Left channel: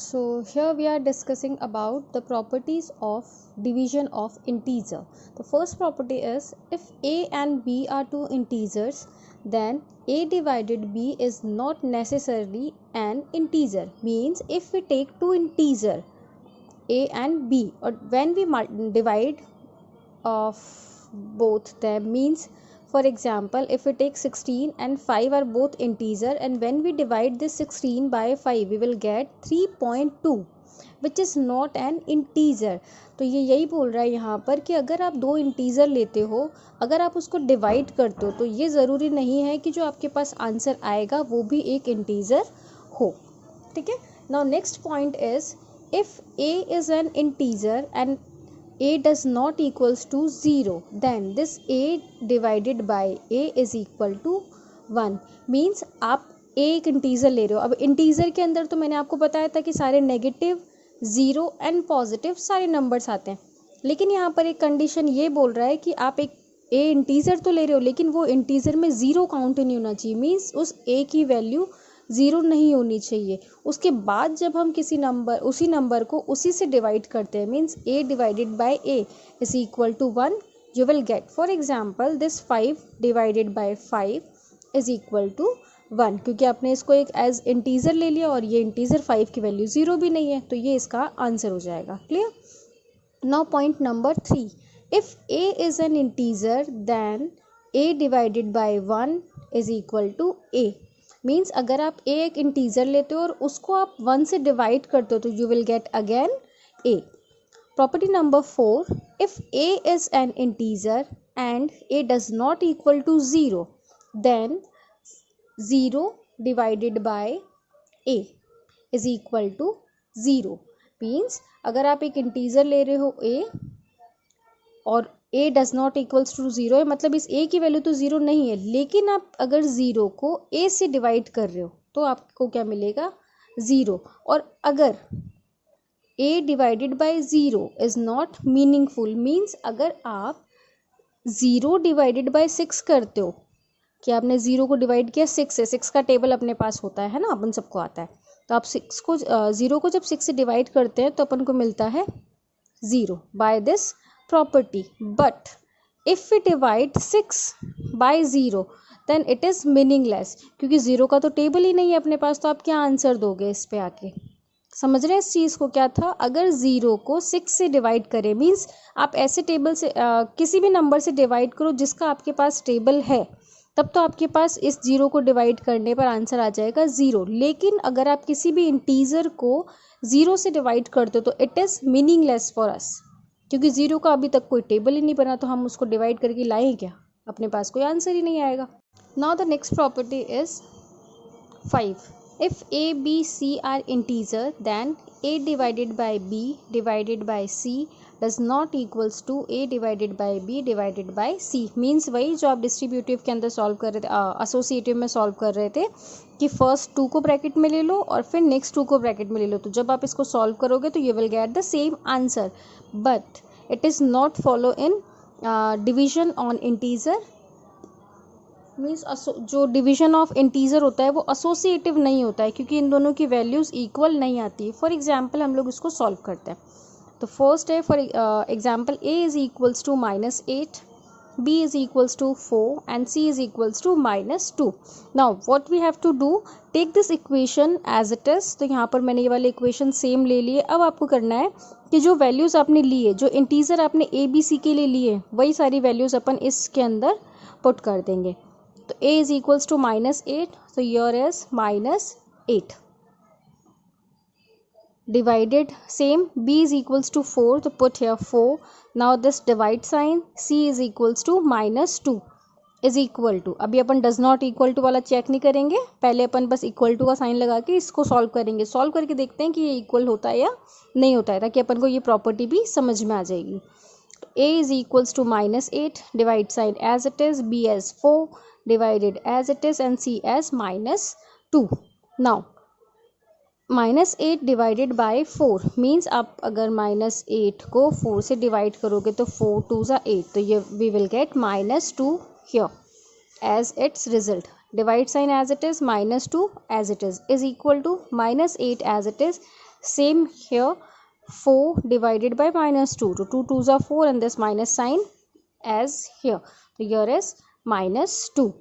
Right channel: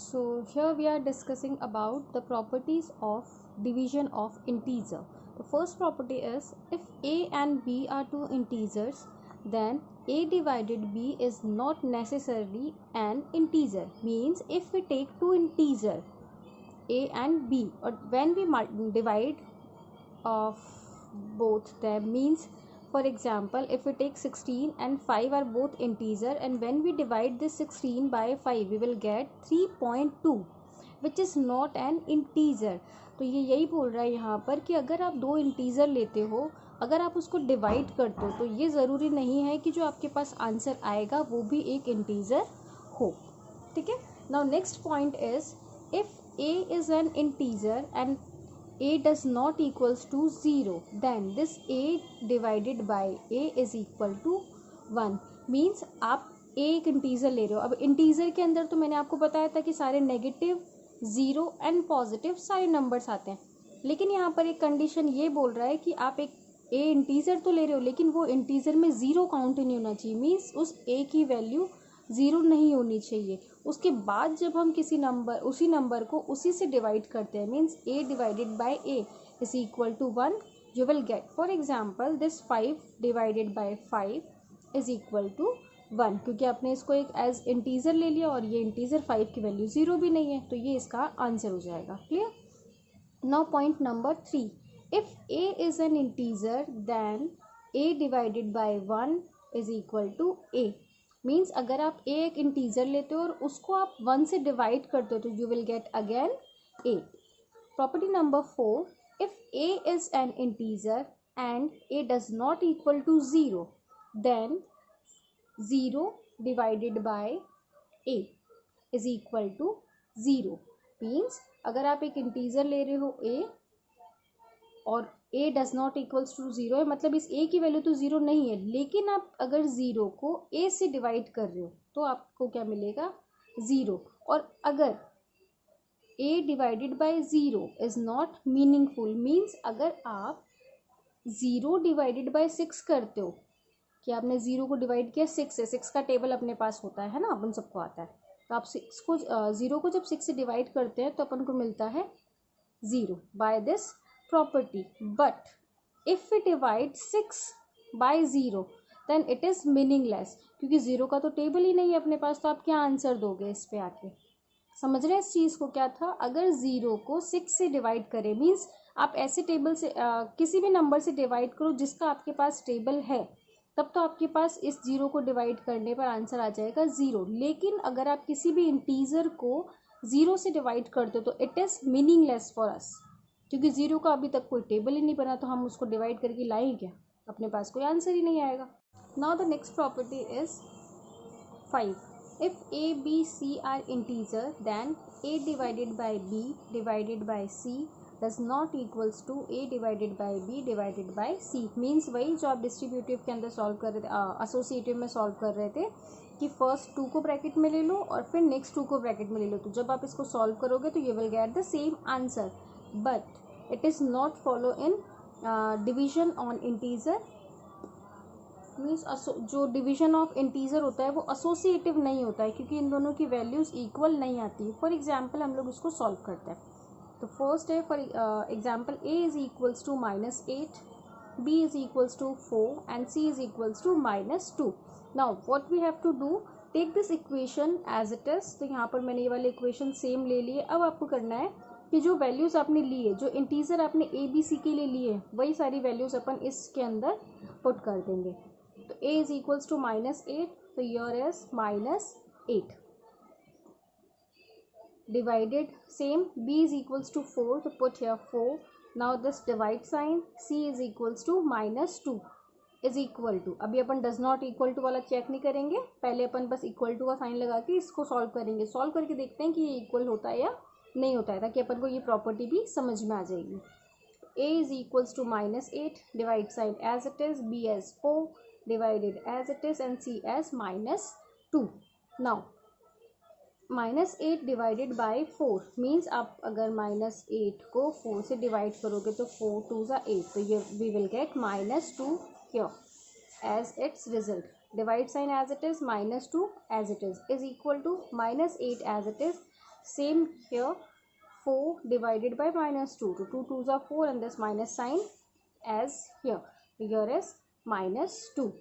So here we are discussing about the properties of division of integer. The first property is if a and b are two integers, then a divided b is not necessarily an integer. Means if we take two integer a and b, or when we divide of both them, means for example if we take 16 and 5 are both integer, and when we divide this 16 by 5 we will get 3.2 which is not an integer. तो ये यही बोल रहा है यहाँ पर कि अगर आप दो इंटीजर लेते हो, अगर आप उसको डिवाइड करते हो तो ये ज़रूरी नहीं है कि जो आपके पास आंसर आएगा वो भी एक इंटीजर हो. ठीक है. Now next point is if a is an integer and a does not equals to 0, then this a divided by a is equal to 1. Means आप a एक इंटीजर ले रहे हो. अब इंटीजर के अंदर तो मैंने आपको बताया था कि सारे नेगेटिव, ज़ीरो एंड पॉजिटिव सारे नंबर्स आते हैं, लेकिन यहाँ पर एक कंडीशन ये बोल रहा है कि आप एक a इंटीजर तो ले रहे हो लेकिन वो इंटीजर में ज़ीरो काउंट नहीं होना चाहिए. मीन्स उस a की वैल्यू ज़ीरो नहीं होनी चाहिए. उसके बाद जब हम किसी नंबर उसी नंबर को उसी से डिवाइड करते हैं, means a divided by a is equal to 1, you will get for example this 5 divided by 5 is equal to 1, क्योंकि आपने इसको एक एज इंटीजर ले लिया और ये इंटीजर 5 की वैल्यू ज़ीरो भी नहीं है, तो ये इसका आंसर हो जाएगा. Clear. Now point number 3, if a is an integer then a divided by 1 is equal to a. Means अगर आप a एक इंटीजर लेते हो और उसको आप 1 से डिवाइड करते हो तो you will get again a. Property number 4, if a is an integer and a does not equal to 0, then 0 divided by a is equal to 0. Means अगर आप एक इंटीजर ले रहे हो a और a does not equals to 0 है, मतलब इस a की वैल्यू तो 0 नहीं है, लेकिन आप अगर 0 को a से डिवाइड कर रहे हो तो आपको क्या मिलेगा, 0. और अगर a divided bye 0 is not meaningful, means अगर आप 0 डिवाइडेड बाय 6 करते हो कि आपने 0 को डिवाइड किया 6 से, 6 का टेबल अपने पास होता है ना, अपन सबको आता है, तो आप 6 को 0 को जब 6 से डिवाइड करते हैं तो अपन को मिलता है 0 by this property. But if we divide 6 by 0 then it is meaningless, क्योंकि 0 का तो टेबल ही नहीं है अपने पास, तो आप क्या आंसर दोगे इस पे आके. समझ रहे हैं इस चीज़ को. क्या था, अगर 0 को 6 से डिवाइड करें, मीन्स आप ऐसे टेबल से किसी भी नंबर से डिवाइड करो जिसका आपके पास टेबल है, तब तो आपके पास इस 0 को डिवाइड करने पर आंसर आ जाएगा 0. लेकिन अगर आप किसी भी इंटीजर को 0 से डिवाइड करते हो तो it is meaningless for us, क्योंकि 0 का अभी तक कोई टेबल ही नहीं बना, तो हम उसको डिवाइड करके लाएं क्या, अपने पास कोई आंसर ही नहीं आएगा. Now the next property is 5, if a b c are integer then a divided by b divided by c does not equals to a divided by b divided by c. Means वही जो आप distributive के अंदर solve कर रहे थे, associative में solve कर रहे थे कि फर्स्ट 2 को ब्रैकेट में ले लो और फिर नेक्स्ट 2 को ब्रैकेट में ले लो, तो जब आप इसको सॉल्व करोगे तो you will get the same answer. But it is not follow in division on integer. Means जो डिवीजन ऑफ इंटीजर होता है वो एसोसिएटिव नहीं होता है, क्योंकि इन दोनों की वैल्यूज़ इक्वल नहीं आती. फॉर एग्जांपल हम लोग इसको सॉल्व करते हैं. तो फर्स्ट है for example a is equals to -8, b is equals to 4 and c is equals to -2. now what we have to do, take this equation as it is. तो यहाँ पर मैंने ये वाले इक्वेशन सेम ले लिए. अब आपको करना है कि जो वैल्यूज़ आपने लिए, जो इंटीजर आपने a b c के लिए लिए, वही सारी वैल्यूज़ अपन इसके अंदर पुट कर देंगे. तो a is equals to -8, so here is -8 divided same, b is equals to 4, तो put here 4. now this divide sign, c is equals to -2 is equal to, अभी अपन डज नॉट इक्वल टू वाला check नहीं करेंगे, पहले अपन बस equal to का sign लगा के इसको सॉल्व करेंगे. सॉल्व करके देखते हैं कि ये इक्वल होता है या नहीं होता है, ताकि अपन को ये प्रॉपर्टी भी समझ में आ जाएगी. a is equals to -8, divide sign as it is, b as 4 डिवाइडेड as it is, and c as -2. Now -8 divided by 4 means आप अगर -8 को 4 से डिवाइड करोगे तो 4 2 ज़ा 8, तो ये we will get -2 here as its result. Divide sign as it is, -2 as it is equal to -8 as it is, Same here, 4 divided by minus 2. So 2 2s are 4 and this minus sign as here. So here is minus 2.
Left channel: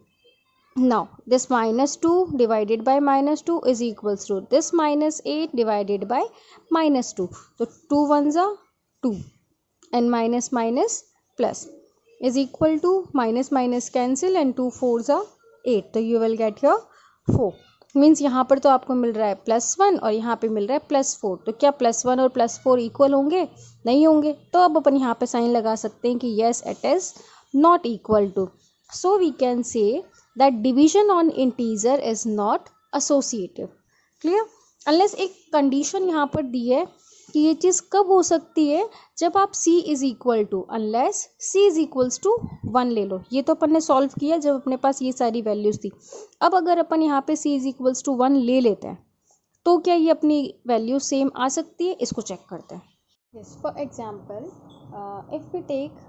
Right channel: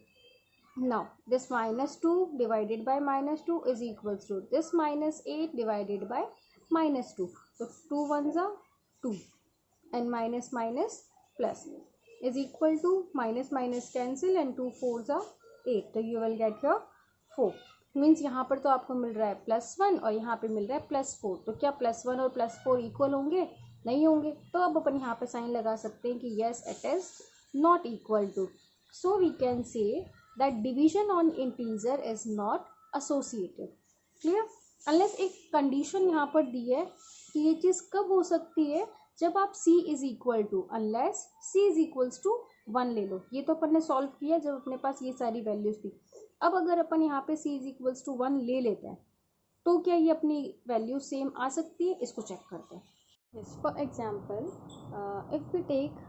Now this minus 2 divided by minus 2 is equals to this minus 8 divided by minus 2. So 2 ones are 2 and minus minus plus is equal to minus minus cancel and 2 4s are 8. तो you will get here 4. Means यहाँ पर तो आपको मिल रहा है +1 और यहाँ पे मिल रहा है +4. तो क्या +1 और +4 इक्वल होंगे? नहीं होंगे. तो अब अपन यहाँ पे साइन लगा सकते हैं कि yes it is not equal to. So we can say that division on integer is not associative. Clear? Unless एक कंडीशन यहाँ पर दी है कि ये चीज़ कब हो सकती है, जब आप c is equal to unless c is equals to 1 ले लो. ये तो अपन ने सॉल्व किया जब अपने पास ये सारी वैल्यूज थी. अब अगर अपन यहाँ पे c इज इक्वल्स टू 1 ले लेते हैं तो क्या ये अपनी वैल्यू सेम आ सकती है? इसको चेक करते हैं. Yes, for example if we take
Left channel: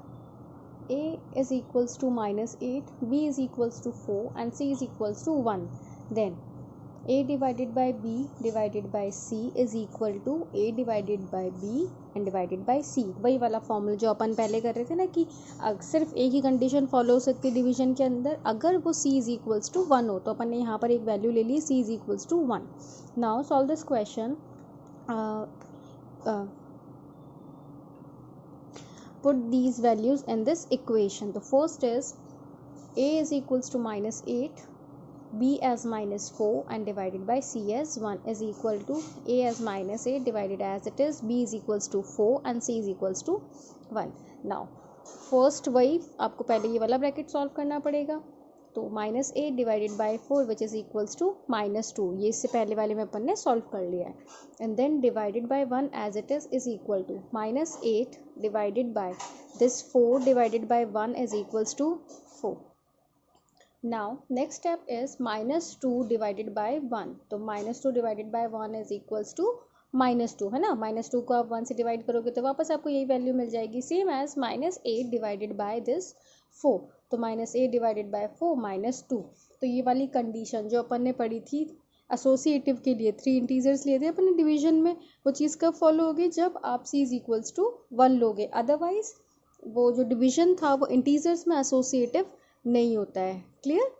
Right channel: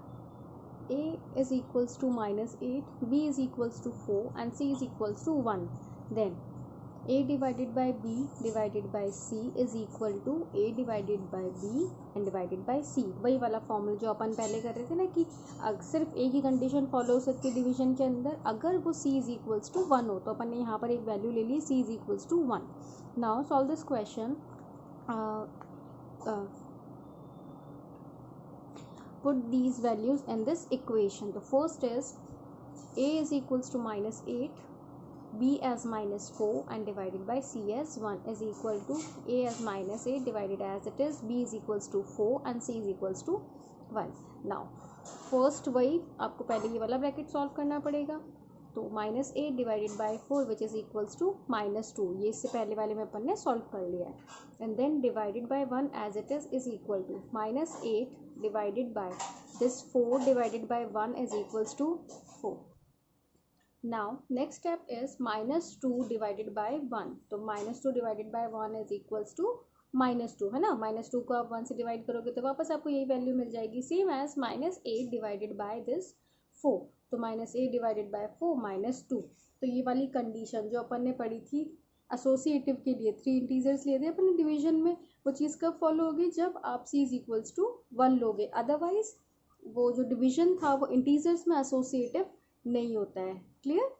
a is equals to minus 8, b is equals to 4 and c is equals to 1, then a divided by b divided by c is equal to a divided by b and divided by c. वही वाला formula जो अपन पहले कर रहे थे ना कि सिर्फ एक ही कंडीशन फॉलो हो सकती है डिवीजन के अंदर, अगर वो c इज इक्वल्स टू 1 हो. तो अपन ने यहाँ पर एक वैल्यू ले ली c is equals to 1. Now solve this question. Put these values in this equation. The first is a is equals to minus 8, b as minus 4 and divided by c as 1 is equal to a as minus 8 divided as it is, b is equals to 4 and c is equals to 1. Now first वही आपको पहले ये वाला bracket solve करना पड़ेगा. तो minus 8 divided by 4 which is equals to minus 2. ये इससे पहले वाले में अपन ने सॉल्व कर लिया है. And then divided by 1 as it is equal to minus 8 divided by this 4 divided by 1 is equals to 4. Now next step is minus 2 divided by 1. तो minus 2 divided by 1 is equals to minus 2 है ना. Minus 2 को आप 1 से divide करोगे तो वापस आपको यही वैल्यू मिल जाएगी, same as minus 8 divided by this 4. तो माइनस 8 डिवाइडेड बाई 4 माइनस 2. तो ये वाली कंडीशन जो अपन ने पढ़ी थी एसोसिएटिव के लिए, 3 इंटीजर्स लिए थे अपन ने डिवीजन में, वो चीज़ कब फॉलो होगी? जब आप c इज इक्वल्स टू 1 लोगे. अदरवाइज वो जो डिवीजन था वो इंटीजर्स में एसोसिएटिव नहीं होता है. क्लियर?